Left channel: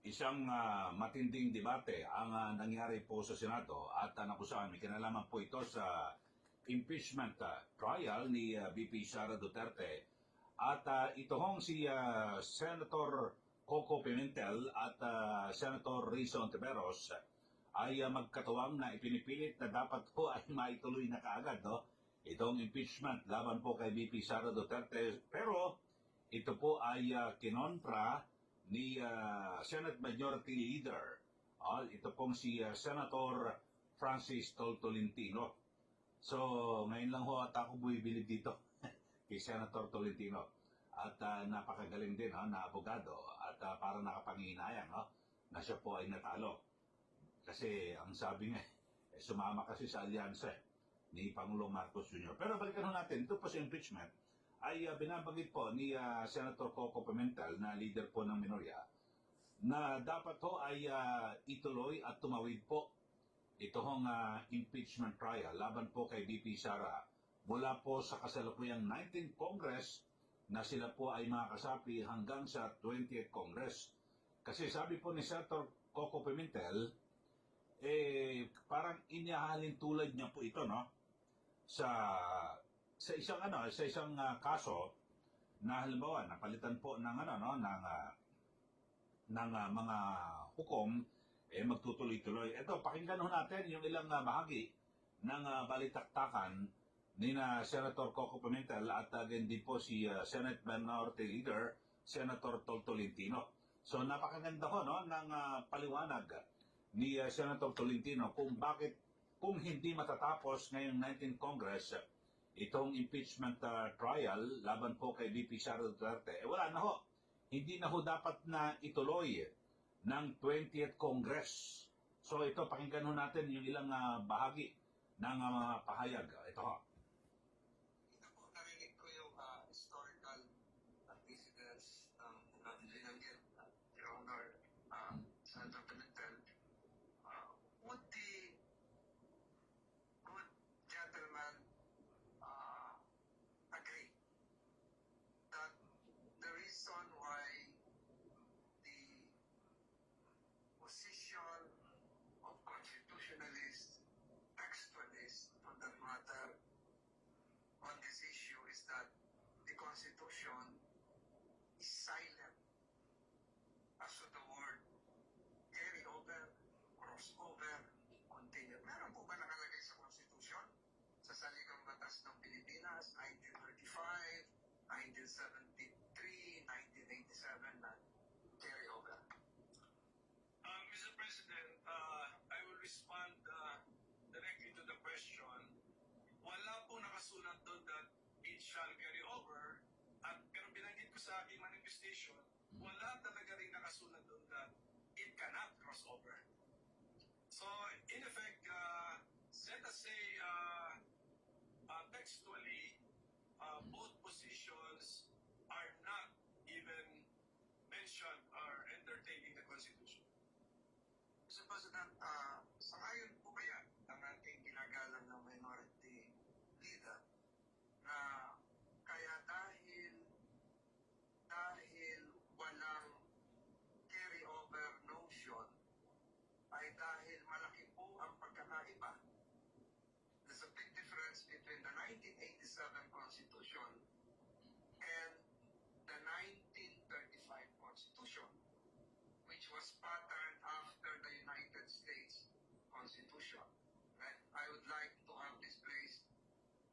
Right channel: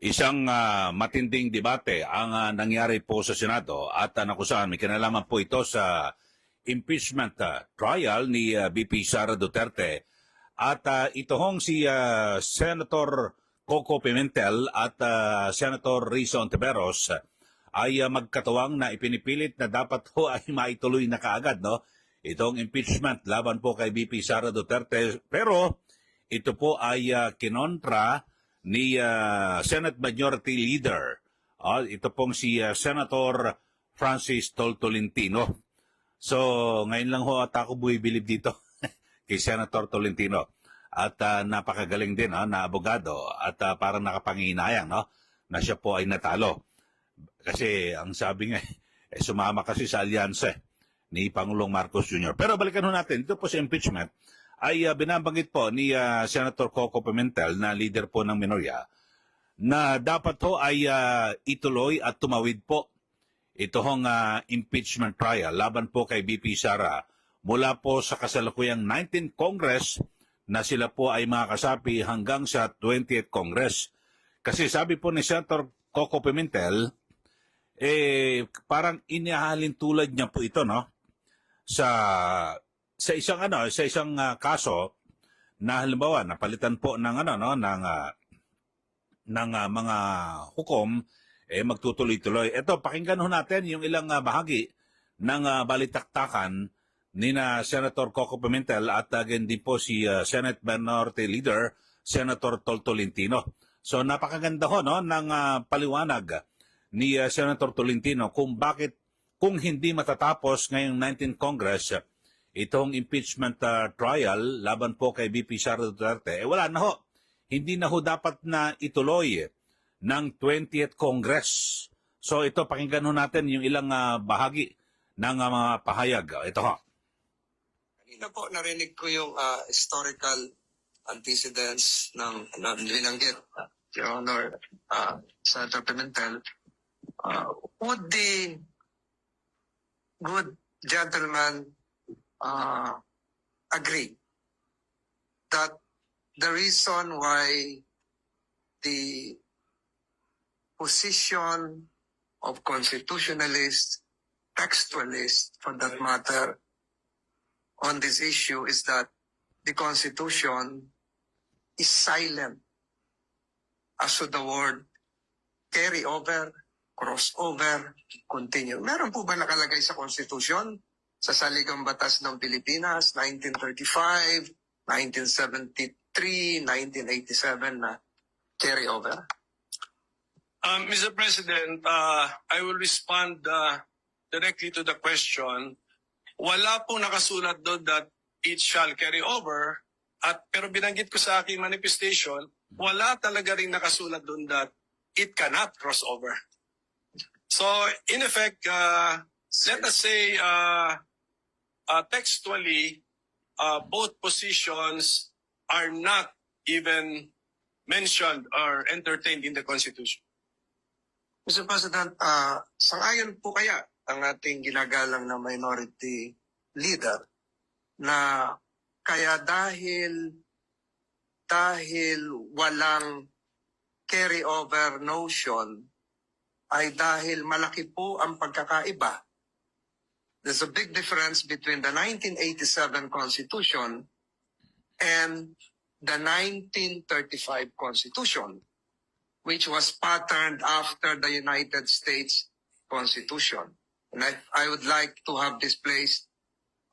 Isang matinding debate ang nangyari po sa Senado at nakusahan may kinalaman po ito sa impeachment trial ni VP Sara Duterte at ito hong si Senator Coco Pimentel at Senator Risa Ontiveros ay magkatuwang na ipinipilit na dapat ho ay maituloy na kaagad, no? Itong impeachment laban po kay VP Sara Duterte, pero ito po ay kinontra ni Senate Majority Leader. Ito pong si Senator Francis Tolentino. So, ngayon lang ho at ako bumibilib dito kay Senator Tolentino. At napakagaling din na abogado at parang nakapanginayang na siya po ay natalo. Kasi ang sabi nga, sumama kasi sa alyansa ni Pangulong Marcos Jr. Pero balikan ho natin, ito po sa impeachment ay binabanggit po ni Senator Coco Pimentel na leader po ng minorya na dapat ho ay ituloy at tumawid po ito hong impeachment trial laban po kay VP Sara mula po sa kasalukuyang 19th Congress na sila po ay makakasapi hanggang sa 20th Congress. Kasi sabi po ni Senator Coco Pimentel, parang inihahalin tulad niya po ito, no? Sa isang kaso na halimbawa napalitan po ng mga hukom magtutuloy-tuloy. Ito, pakinggan ho natin yung ilang bahagi ng balitaktakan ni na Senator Coco Pimentel at again din po si Senate Minority Leader Senator Tolentino. So napakaganda ho ng paliwanag ni Senator Tolentino kung bakit kung hindi matatapos ngayong 19th Congress itong impeachment trial laban po kay VP Sara Duterte, wala na ho. Hindi na ho dapat na ituloy ng 20th Congress. So ito, pakinggan ho natin yung ilang bahagi ng mga pahayag. Ito ho. Kanina po narinig ko yung historical antecedents ng binanggit, Your Honor, Senator Pimentel. Would the good gentleman agree that the reason why the position of constitutionalists, textualists for that matter, on this issue is that the Constitution is silent as to the word carry over, crossover, continue. Meron po ba nakalagay sa Constitution? Sa Saligang Batas ng Pilipinas, 1935, 1973, 1987 na carry over? Mr. President, I will respond directly to the question. Wala pong nakasulat doon that it shall carry over, pero binanggit ko sa aking manifestation, wala talaga rin nakasulat doon that it cannot cross over. So, in effect, let us say, textually, both positions are not even mentioned or entertained in the Constitution. Mr. President, sangayon po kaya ang ating ginagalang na minority leader na kaya dahil walang carry-over notion ay dahil malaki po ang pagkakaiba. There's a big difference between the 1987 Constitution and the 1935 Constitution, which was patterned after the United States Constitution. And I would like to have this placed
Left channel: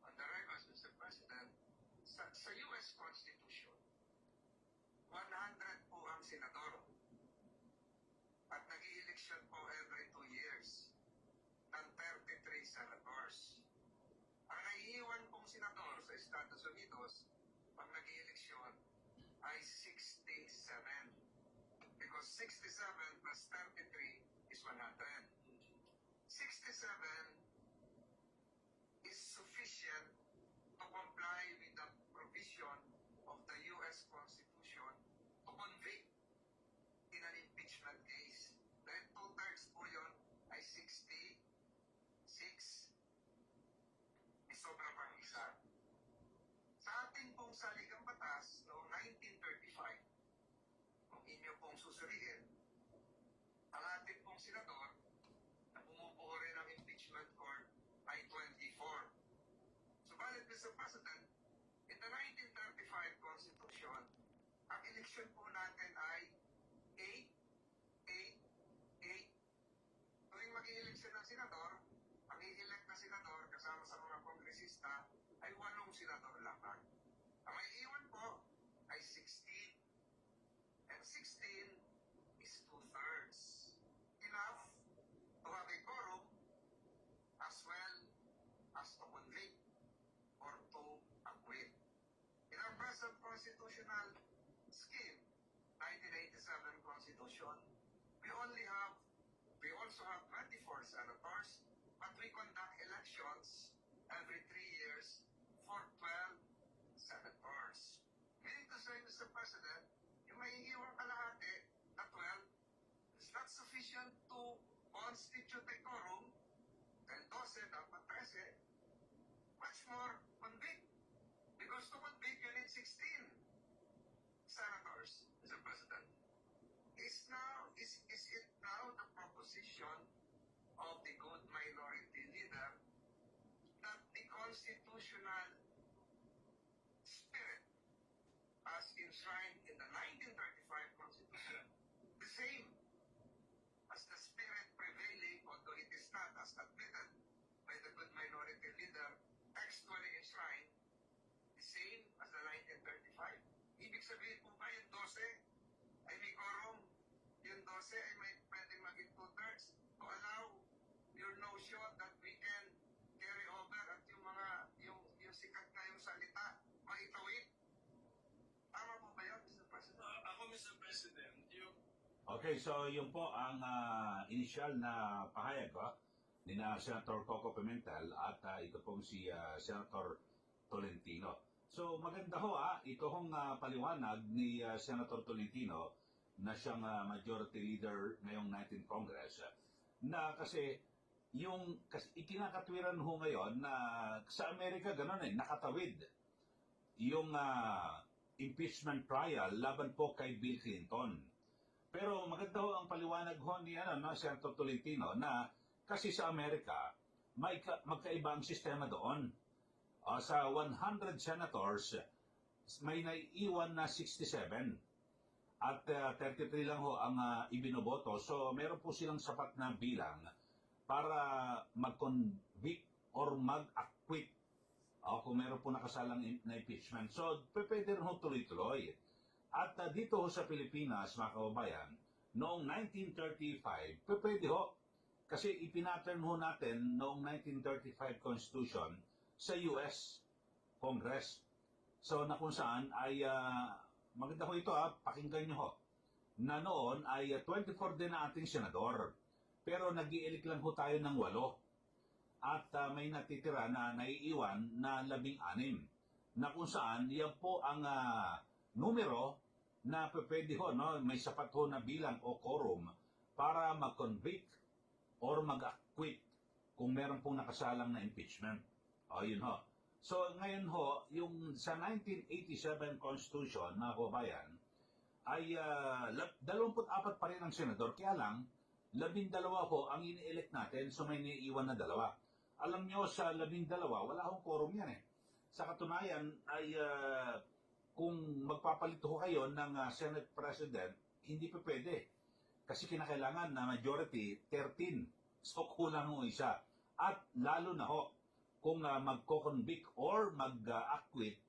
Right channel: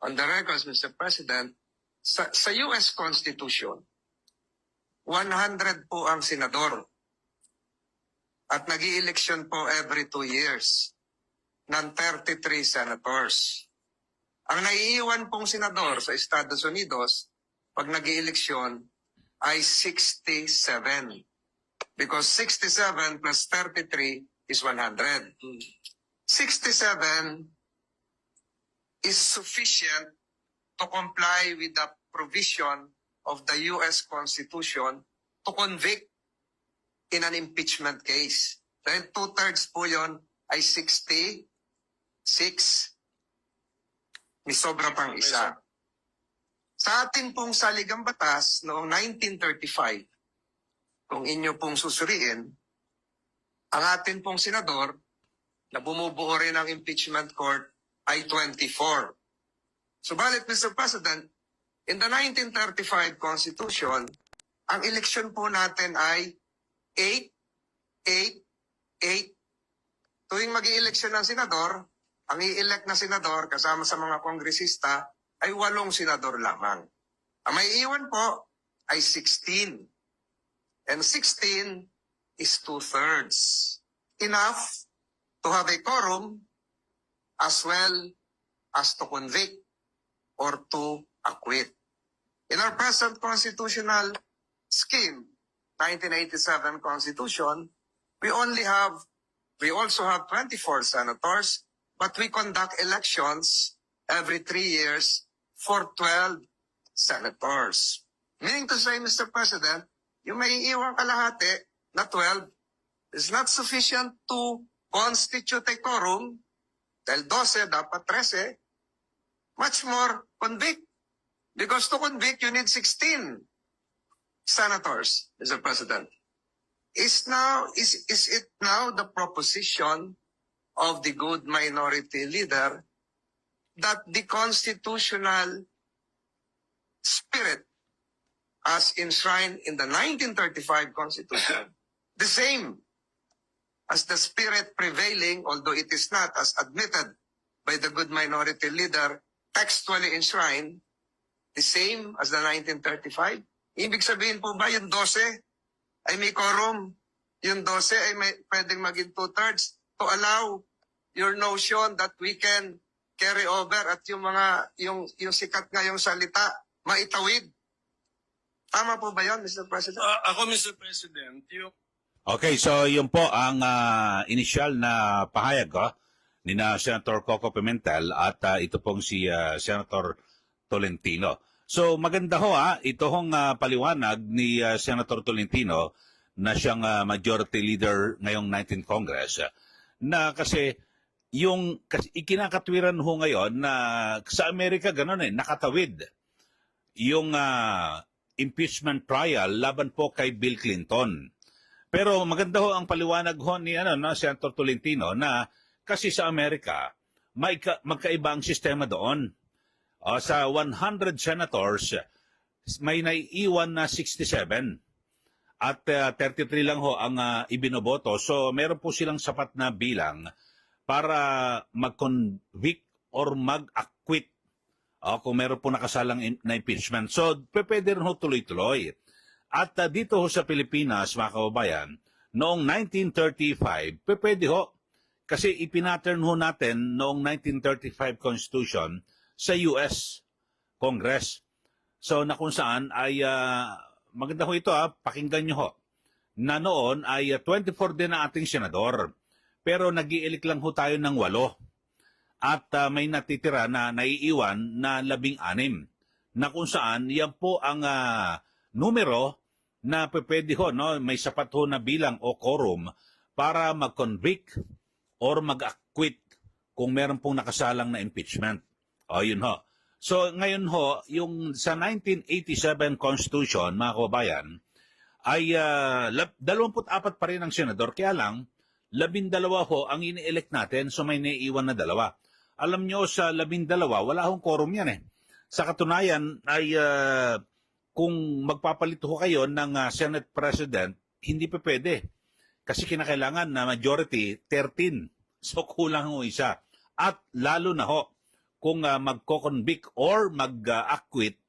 on the records, Mr. President. Sa US Constitution, 100 po ang senador at nag-i-election po every 2 years ng 33 senators. Ang naiiwan pong senador sa Estados Unidos pag nag-i-eleksyon ay 67. Because 67 plus 33 is 100. 67 is sufficient to comply with the provision of the U.S. Constitution to convict in an impeachment case. Dahil 2/3 po yun ay 66. May sobra pang isa. Sa atin pong saligang batas noong 1935, kung inyo pong susuriin, Ang atin pong senador na bumubuo rin ng impeachment court ay 24. Subalit, Mr. President, in the 1935 Constitution, ang eleksyon po natin ay 8, 8, 8. Tuwing mag-i-eleksyon ng senador, ang i-elect na senador kasama sa mga kongresista ay 8 senador lamang. Ang may iwan po ay 16. And 16 is 2/3. Enough to have a quorum as well as to convict or to acquit. In our present constitutional scheme, 1987 Constitution, we also have 24 senators, but we conduct elections every 3 years for 12 senators. Meaning to say, Mr. President, yung may iiwang kalahati na 12 is not sufficient to constitute a quorum, dahil 12, dapat 13, much more convict. Because to convict, you need 16 senators, Mr. President. Is it now the proposition of the good minority leader that the constitutional spirit as enshrined in the 1935 Constitution, the same as the spirit prevailing, although it is not as admitted by the good minority leader, textually enshrined, the same as the 1935? Ibig sabihin po ba yung 12 ay may quorum? Yung 12 ay pwedeng maging 2/3 to allow your notion that we can carry over at yung sikat ngayong salita, maitawid? Tama po ba yun, Mr. President? Ako, Mr. President, yung Okay, so yun po ang initial na pahayag ni na Senator Coco Pimentel at ito pong si Senator Tolentino. So maganda ho ito hong paliwanag ni Senator Tolentino na siyang majority leader ngayong 19th Congress na kasi ikinakatwiran ho ngayon na sa Amerika ganun nakatawid yung impeachment trial laban po kay Bill Clinton. Pero maganda ho ang paliwanag ho ni Senator Tolentino na kasi sa Amerika magkaiba ang sistema doon. Sa 100 senators may naiiwan na 67 at 33 lang ho ang ibinoboto. So meron po silang sapat na bilang para mag-convict or mag-acquit kung meron po nakasalang na impeachment. So pwede rin ho tuloy-tuloy. At dito ho sa Pilipinas, mga kababayan, noong 1935, pwede ho. Kasi ipinattern ho natin noong 1935 Constitution sa US Congress. So na kung saan ay, maganda ho ito pakinggan nyo ho, na noon ay 24 din na ating senador. Pero nag-i-elect lang ho tayo ng 8. At may natitira na naiiwan na 16. Na kung saan, yan po ang numero na pwede ho, may sapat ho na bilang o quorum para mag-convict or mag-acquit kung meron pong nakasalang na impeachment. Yun ho. So ngayon ho, yung sa 1987 Constitution, mga kababayan, ay 24 pa rin ang senador, kaya lang 12 ho ang ini-elect natin, so may naiiwan na 2. Alam nyo, sa 12, wala hong quorum yan Sa katunayan ay kung magpapalito ho kayo ng Senate President, hindi pa pwede. Kasi kinakailangan na majority 13. So kulang ho isa. At lalo na ho, kung magko-convict or mag-acquit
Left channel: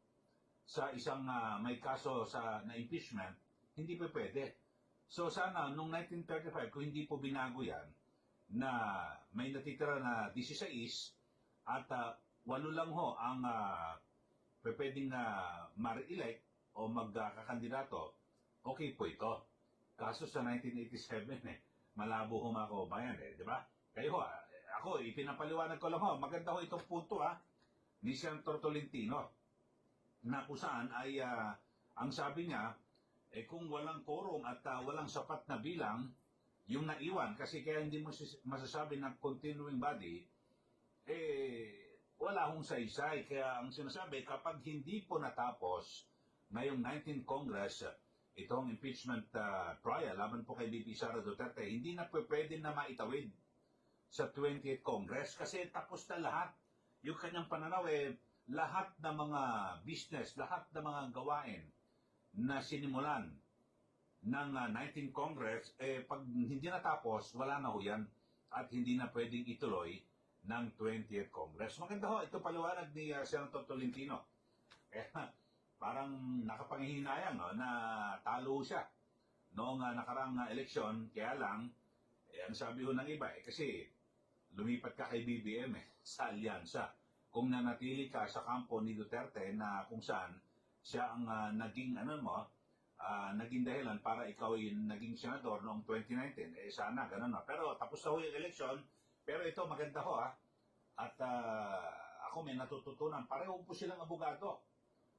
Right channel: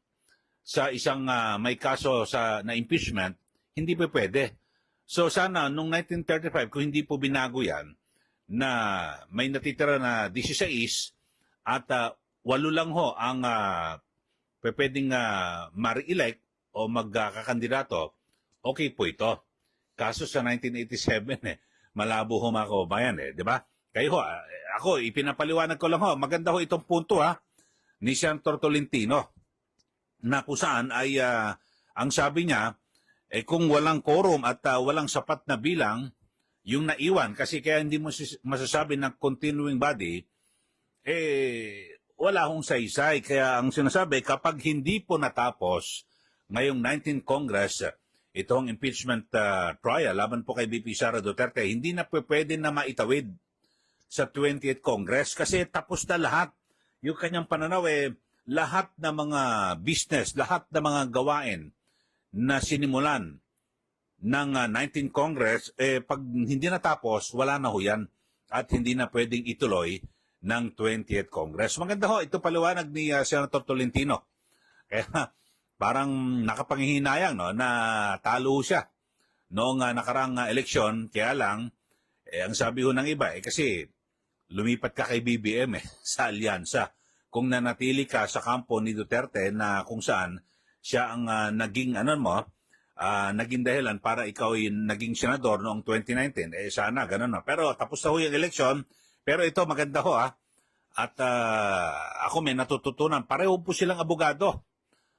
sa isang may kaso na impeachment, hindi pa pwede. So sana, noong 1935, kung hindi po binago yan, na may natitira na 16 at 8 lang ho ang pwedeng ma-re-elect o magkakandidato, okay po ito. Kaso sa 1987, malabo ho mga kababayan di ba? Kayo ho, ako, ipinapaliwanag ko lang ho, maganda ho itong punto ni Senator Tolentino, na kung saan ay, ang sabi niya, kung walang quorum at walang sapat na bilang, yung naiwan, kasi kaya hindi mo masasabi ng continuing body, wala hong saysay. Kaya ang sinasabi, kapag hindi po natapos ngayong 19th Congress, itong impeachment trial laban po kay BP Sara Duterte, hindi na pwede na maitawid sa 20th Congress kasi tapos na lahat. Yung kanyang pananaw lahat ng mga business, lahat ng mga gawain na sinimulan ng 19th Congress, pag hindi natapos, wala na ho yan at hindi na pwedeng ituloy ng 20th Congress. Maganda ho, ito paliwanag ni Senator Tolentino. Kaya parang nakapanghihinayang no, na talo siya noong nakarang eleksyon. Kaya lang, ang sabi ho ng iba, kasi lumipat ka kay BBM sa alyansa. Kung nanatili ka sa kampo ni Duterte na kung saan siya ang naging naging dahilan para ikaw ay naging senador noong 2019, sana ganun no. Pero tapos na ho yung eleksyon, pero ito maganda ho at ako may natututunan, pareho po silang abogado.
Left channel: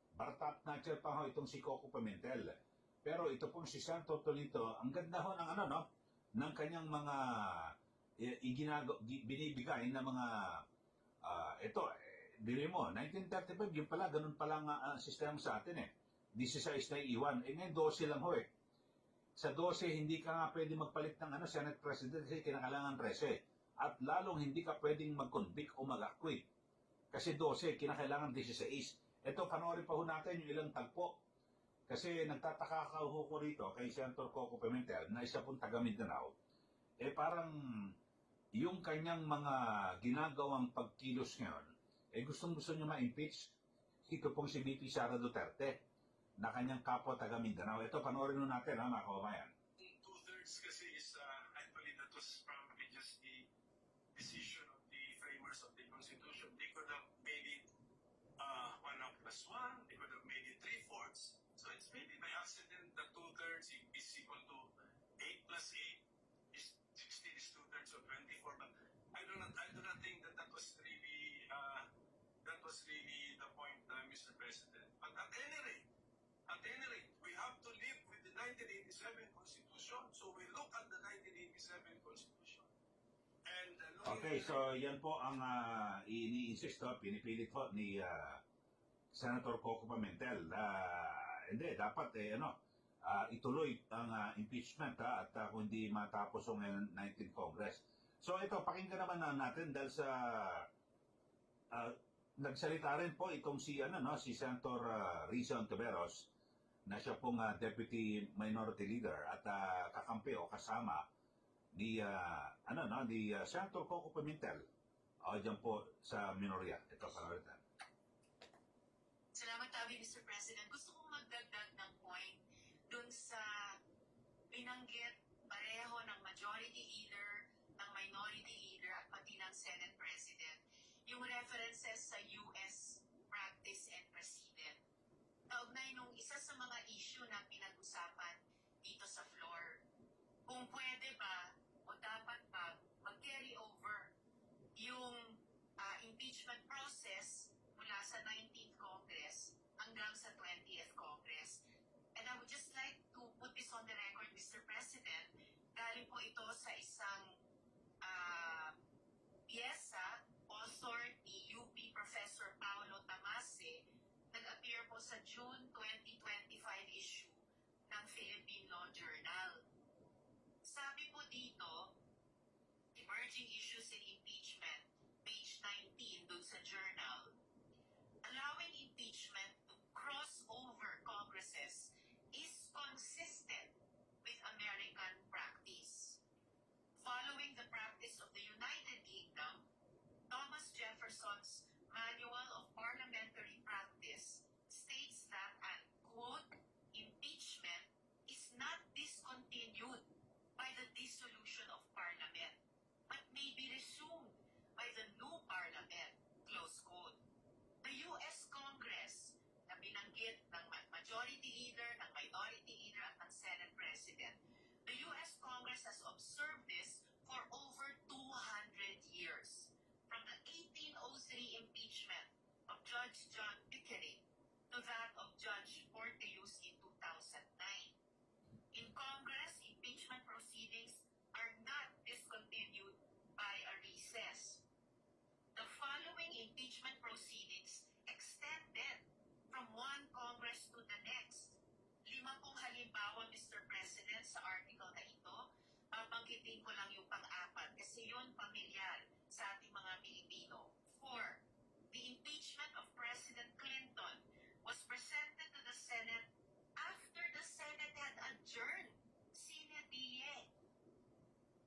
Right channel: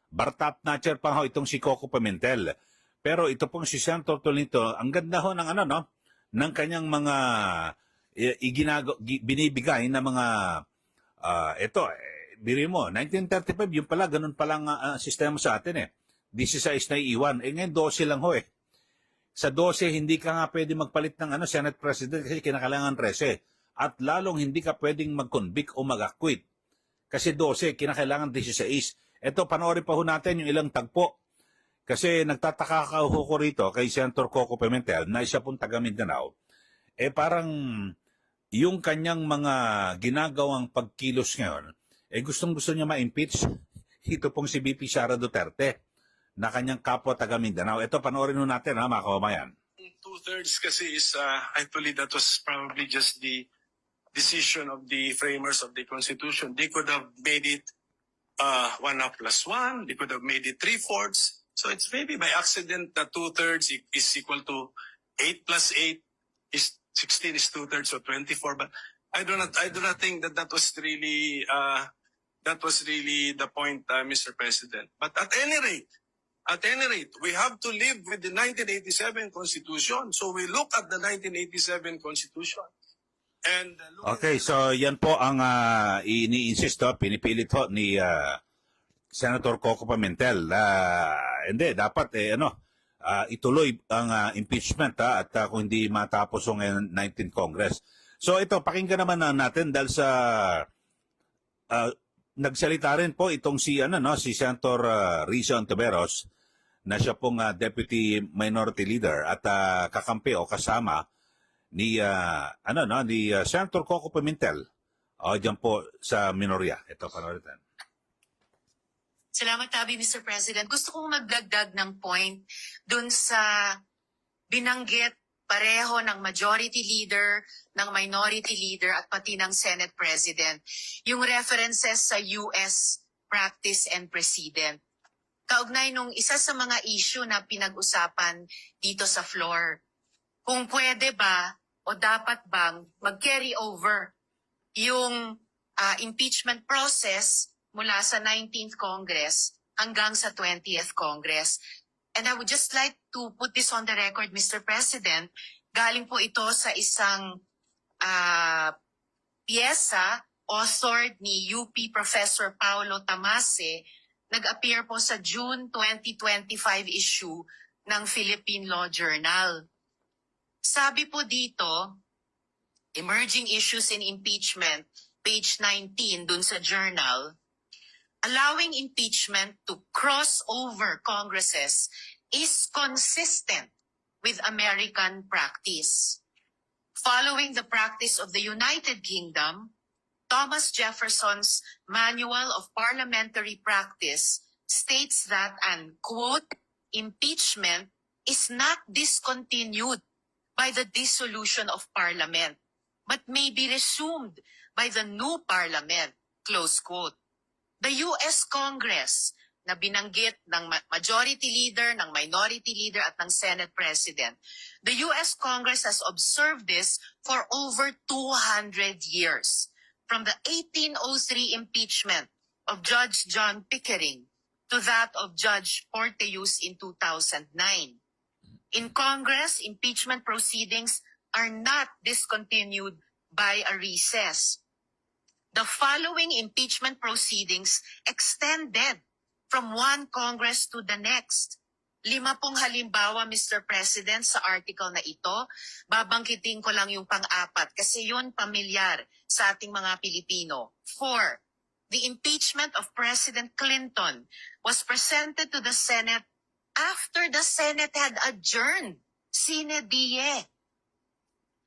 Bartap Natcher pa ho itong si Coco Pimentel. Pero ito pong si Senator Tolentino, ang ganda ho ng ng kanyang mga binibigay na mga biri mo, 1935, yung pala, ganun palang sistema sa atin 16 na iiwan. Ngayon 12 lang ho Sa 12, hindi ka nga pwede magpalit ng Senate President kasi kinakailangan 13. At lalong hindi ka pwedeng mag-convict o mag-acquit. Kasi 12, kinakailangan 16. Ito, panoorin pa ho natin yung ilang tagpo. Kasi nagtataka ka ho ko rito kay Senator Coco Pimentel na isa pong taga Mindanao. Parang yung kanyang mga ginagawang pagkilos ngayon, gustong-gusto niya ma-impeach ito pong si BP Sara Duterte na kanyang kapwa taga Mindanao. Ito, panoorin ho natin mga kababayan. 2/3 kasi is, I believe that was probably just the decision of the framers of the Constitution. They could have made it 1+1. They could have made it 3/4. So it's maybe by accident that 2/3 is equal to 8+8 is 16 is 2/3, so 24. But I do not think that was really the point, Mr. President. But at any rate, we have to live with the 1987 Constitution. So we look at the 1987 Constitution. And Okay, so yan po ang ini-insist pinipilit ho ni Senator Coco Pimentel. Hindi, dapat ituloy ang impeachment at kung hindi matapos ang 19th Congress. So ito, pakinggan naman natin dahil sa nagsalita rin po itong si Senator Risa Ontiveros na siya pong Deputy Minority Leader at kakampi o kasama ni Senator Coco Pimentel diyan po sa minorya. Ito, panoorin natin. Salamat, Tabi, Mr. President. Gusto kong magdagdag ng point dun sa binanggit pareho ng majority leader, ng minority leader, at pati ng Senate President. Yung references sa US practice and precedent. Kaugnay nung isa sa mga issue na pinag-usapan dito sa floor. Kung pwede ba o dapat bang mag-carry over yung impeachment process mula sa 19th Congress hanggang sa 20th Congress. And I would just like to put this on the record, Mr. President. Galing po ito sa isang piyesa authored ni UP Professor Paulo Tamase. Nag-appear po sa June 2025 issue ng Philippine Law Journal. Sabi po dito, Emerging Issues in Impeachment, page 19 dun sa journal, allowing impeachment to cross over Congresses is consistent with American practice. Following the practice of the United Kingdom, Thomas Jefferson's Manual of Parliamentary Practice states that an, quote, impeachment is not discontinued by the dissolution of Parliament, but may be resumed by the new Parliament, close quote. The U.S. Congress na binanggit ng majority leader, ng minority leader at ng Senate President, the U.S. Congress has observed this for over 200 years. From the 1803 impeachment of Judge John Pickering to that of Judge Porteus in 2009. In Congress, impeachment proceedings are not discontinued by a recess. The following impeachment proceedings extended from one Congress to the next. 5 halimbawa, Mr. President, sa article na ito. Babangkitin ko lang yung pang-apat kasi yun pamilyar sa ating mga Pilipino. 4. The impeachment of President Clinton was presented to the Senate after the Senate had adjourned sine die.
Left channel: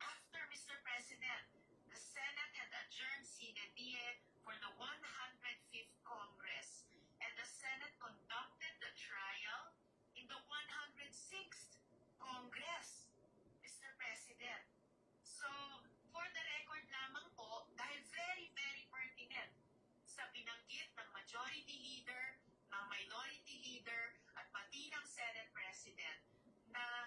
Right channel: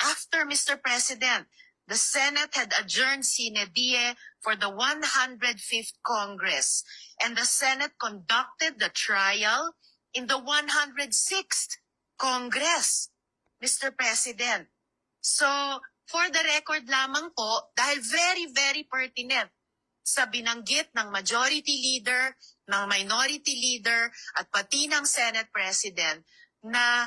After, Mr. President, the Senate had adjourned sine die for the 105th Congress, and the Senate conducted the trial in the 106th Congress, Mr. President. So, for the record lamang po, dahil very, very pertinent sa binanggit ng majority leader, ng minority leader, at pati ng Senate President na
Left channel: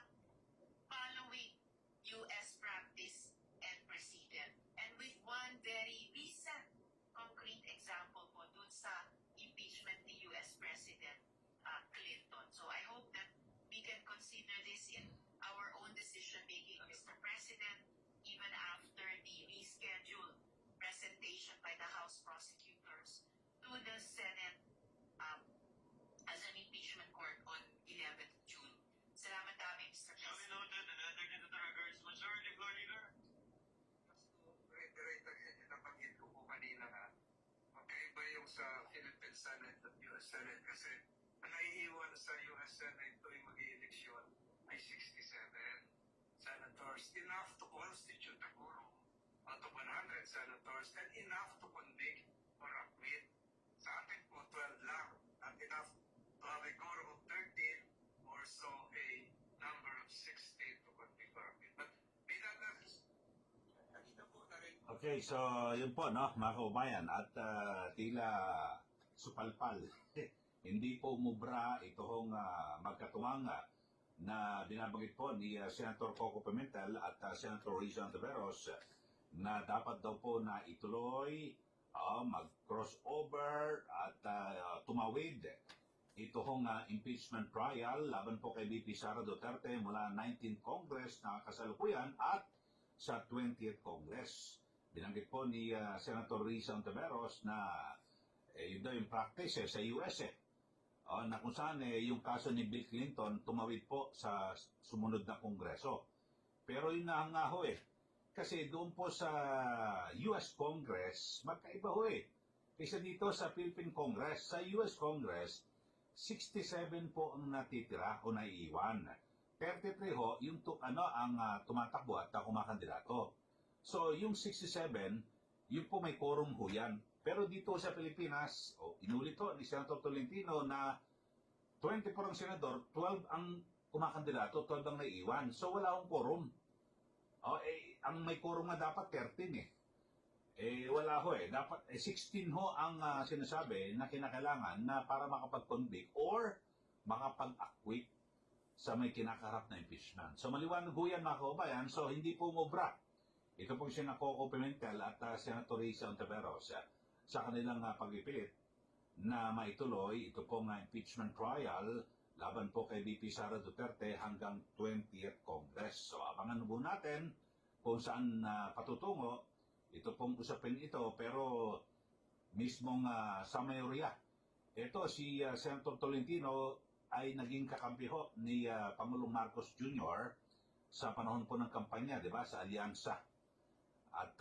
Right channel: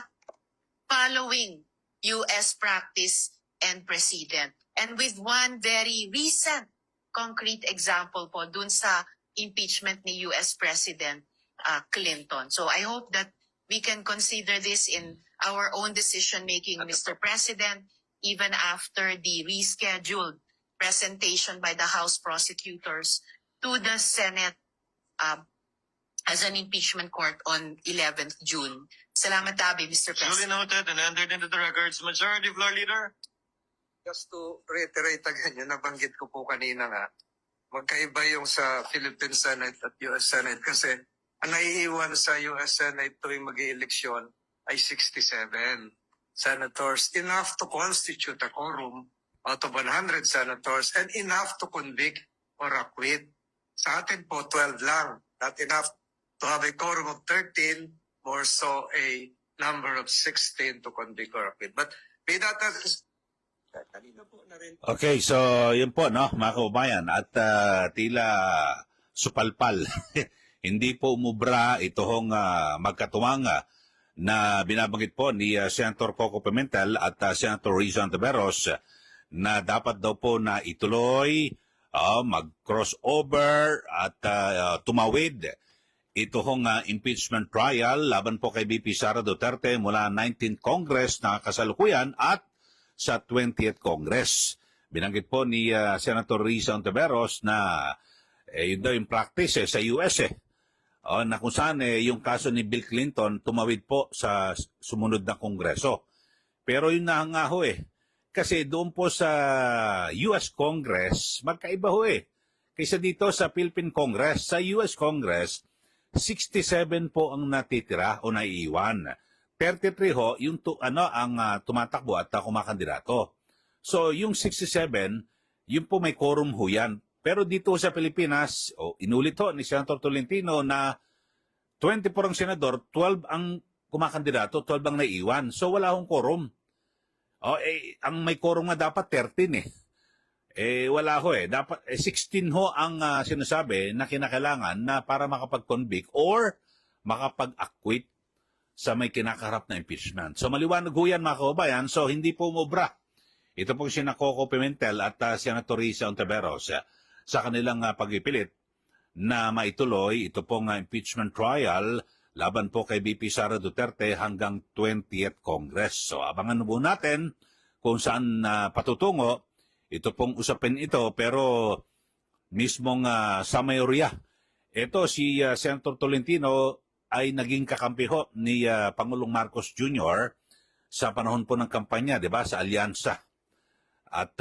following U.S. practice and precedent. And with one very recent concrete example po dun sa impeachment ni U.S. President Clinton. So I hope that we can consider this in our own decision-making, Mr. President, even after the rescheduled presentation by the House prosecutors to the Senate as an impeachment court on 11th June. Salamat tabi, Mr. Duly President. noted and entered into the records. Majority Floor Leader. Just to reiterate again, yung nabanggit ko po kanina nga, magkaiba yung sa Philippine Senate at US Senate kasi ang naiiwan sa US Senate tuwing mag-ieleksyon ay 67 senators, enough to constitute a quorum out of 100 senators and enough to convict or acquit. Sa atin po, 12 lang. Not enough to have a quorum of 13, more so a number of 16 to convict or acquit. But may that kanina po na rin. Okay, so yun po, no, mga kababayan, at tila supalpal. Hindi po umubra itong magkatuwang na binabanggit po ni Senator Coco Pimentel at Senator Rizal Ontiveros na dapat daw po na ituloy, mag-crossover at tumawid itong impeachment trial laban po kay VP Sara Duterte mula 19th Congress na kasalukuyan at sa 20th Congress. Binanggit po ni Senator Rizal Ontiveros na yun daw yung practice sa US na kung saan yung kaso ni Bill Clinton tumawid po sa sumunod na Kongreso. Pero yun na nga ho kasi doon po sa US Congress, magkaiba ho kaysa dito sa Philippine Congress. Sa US Congress, 67 po ang natitira o naiiwan. 33 ho, yung ang tumatakbo at kumakandidato. So, yung 67, yung po may quorum ho yan. Pero dito sa Pilipinas, inulit ho ni Senator Tolentino na 24 ang senador, 12 ang kumakandidato, 12 ang naiiwan. So, wala hong quorum. Ang may quorum nga dapat 13 wala ho Dapat 16 ho ang sinasabi na kinakailangan na para makapag-convict or makapag-acquit sa may kinakaharap na impeachment. So maliwanag ho yan mga kababayan, so hindi po umubra. Ito pong sina Coco Pimentel at Senator Rizal Ontiveros sa kanilang pagpipilit na maituloy ito pong impeachment trial laban po kay VP Sara Duterte hanggang 20th Congress. So abangan po natin kung saan patutungo ito pong usapin ito, pero mismong sa mayorya. Ito si Senator Tolentino ay naging kakampi ho ni Pangulong Marcos Jr. sa panahon po ng kampanya, di ba, sa alyansa. At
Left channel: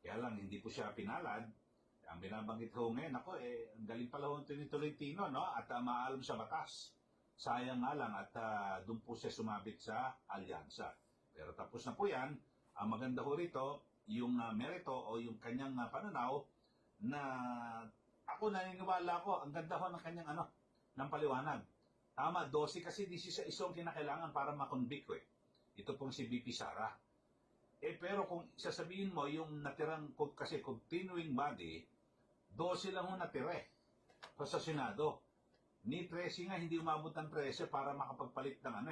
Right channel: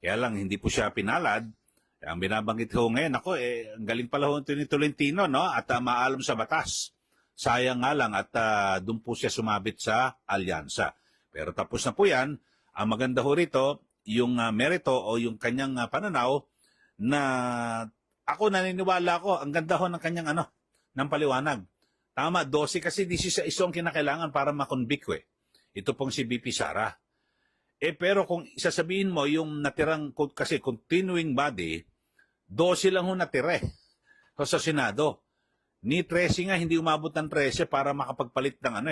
kaya lang hindi po siya pinalad. Ang binabanggit ho ngayon, ang galing pala ho ni Tolentino, no? At maalam sa batas. Sayang nga lang at doon po siya sumabit sa alyansa. Pero tapos na po yan. Ang maganda ho rito, yung merito o yung kanyang pananaw na ako naniniwala ko, ang ganda ho ng kanyang ng paliwanag. Tama, 12 kasi 16 ang kinakailangan para makonvict Ito pong si VP Sara. Pero kung sasabihin mo yung natirang, kasi continuing body, 12 lang ho natira sa Senado. Ni 13 nga, hindi umabot ng 13 para makapagpalit ng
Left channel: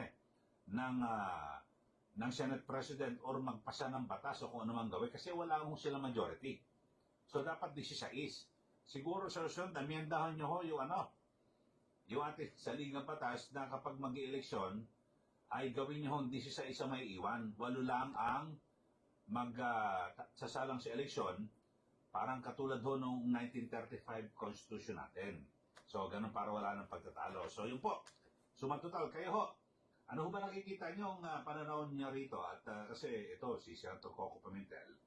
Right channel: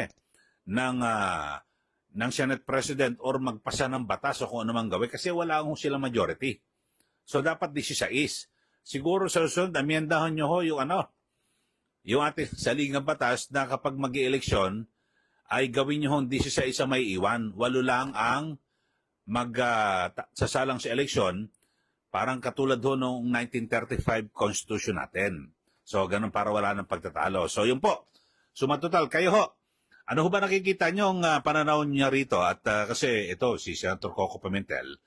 ng Senate President or magpasa ng batas o kung ano mang gawin kasi wala ho silang majority. So dapat 16. Siguro sa susunod, amiendahan nyo ho yung yung ating saligang batas na kapag mag-i-eleksyon ay gawin nyo hong 16 may iwan. 8 lang ang sasalang sa eleksyon, parang katulad ho noong 1935 Constitution natin. So, ganun para wala ng pagtatalo. So, yun po. Sumatotal, kayo ho, ano ho ba nakikita nyo ang pananaw niya rito? At kasi ito, si Senator Coco Pimentel,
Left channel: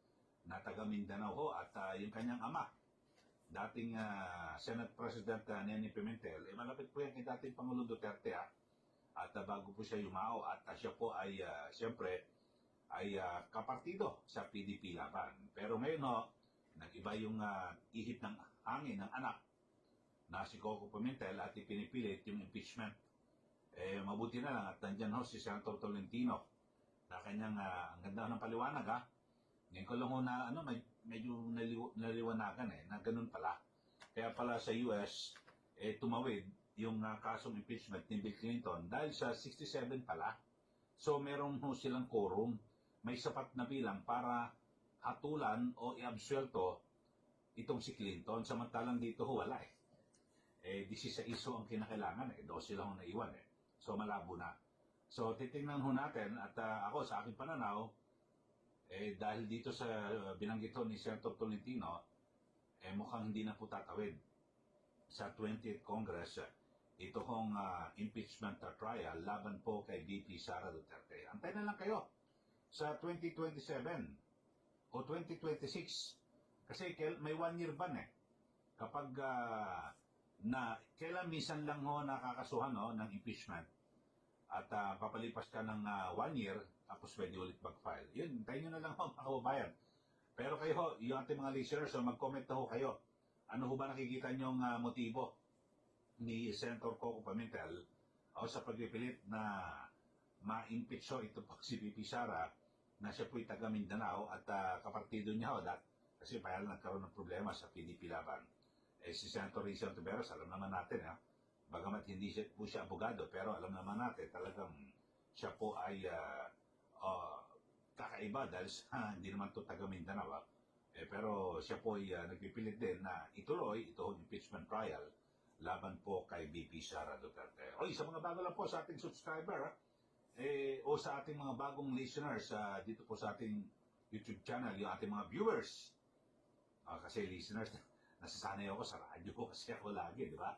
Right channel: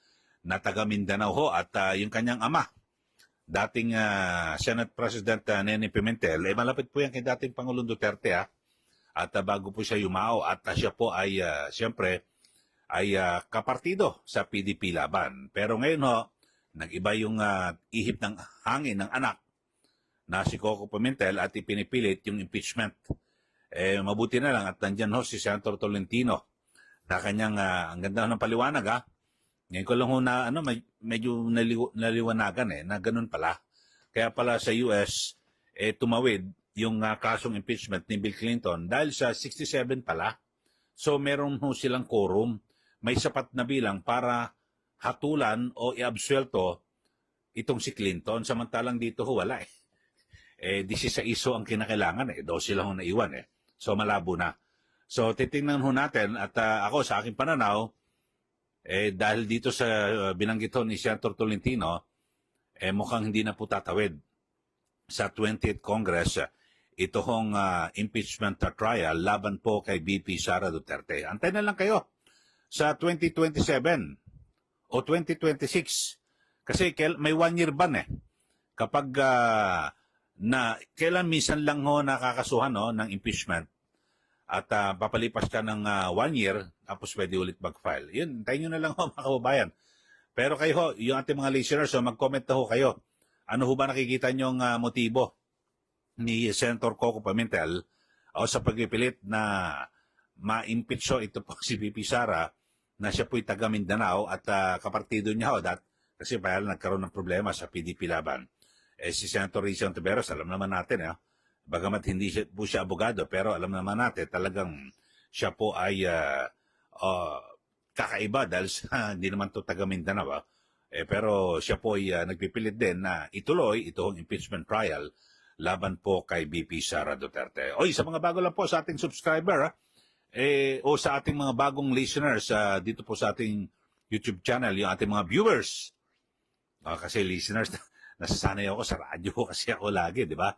na taga Mindanao ho, at yung kanyang ama, dating Senate President Nene Pimentel, malapit po yan kay dating Pangulong Duterte at bago po siya yumao at siya po ay siyempre ay kapartido sa PDP laban. Pero ngayon ho, nag-iba yung ihip ng hangin ng anak na si Coco Pimentel at ipinipilit yung impeachment. Mabuti na lang at nandyan ho si Senator Tolentino na kanyang, ang ganda ng paliwanag Ngayon ko lang ho na medyo naliwanagan na ganun pala. Kaya pala sa US, tumawid yung kasong impeachment ni Bill Clinton dahil sa 67 pala. So meron ho silang quorum, may sapat na bilang para hatulan o iabsuelto itong si Clinton. Samantalang dito ho wala 16 ang kinakailangan 12 lang ho naiwan So malabo na. So titingnan ho natin at ako sa aking pananaw, dahil dito sa binanggit ho ni Senator Tolentino, mukhang hindi na po tatawid sa 20th Congress ito hong impeachment trial laban po kay BP Sara Duterte. Antay na lang kayo sa 2027 o 2026 kasi may 1 year ban kapag kailan minsan lang ho nakakasuhan ng impeachment at papalipas ka ng 1 year tapos pwede ulit mag-file. Yun, tayo nyo na lang ho mga kababayan. Pero kayo ho, yung ating mga listeners, mag-comment na ho kayo. Ano ho ba nakikita nyong motibo ni Senator Coco Pimentel sa pagpipilit na ma-impeach ito po si BP Sara na siya po'y taga Mindanao at kapartido niya kasi parang nagkaroon ng problema sa PDP laban. Si Senator Rizal Tiberos, alam naman natin bagamat hindi po siya abogado, pero alam naman natin talagang siya po ay kakaiba dahil hindi naman to taga Mindanao. Pero siya po ay nagpipilit din na ituloy itong impeachment trial laban po kay BP Sara Duterte. Sa mga bago lang po sa ating subscriber o sa ating mga bagong listeners dito po sa ating YouTube channel, yung ating mga viewers. Kasi listeners, nasasanay ako sa radyo kasi ako lagi, di ba?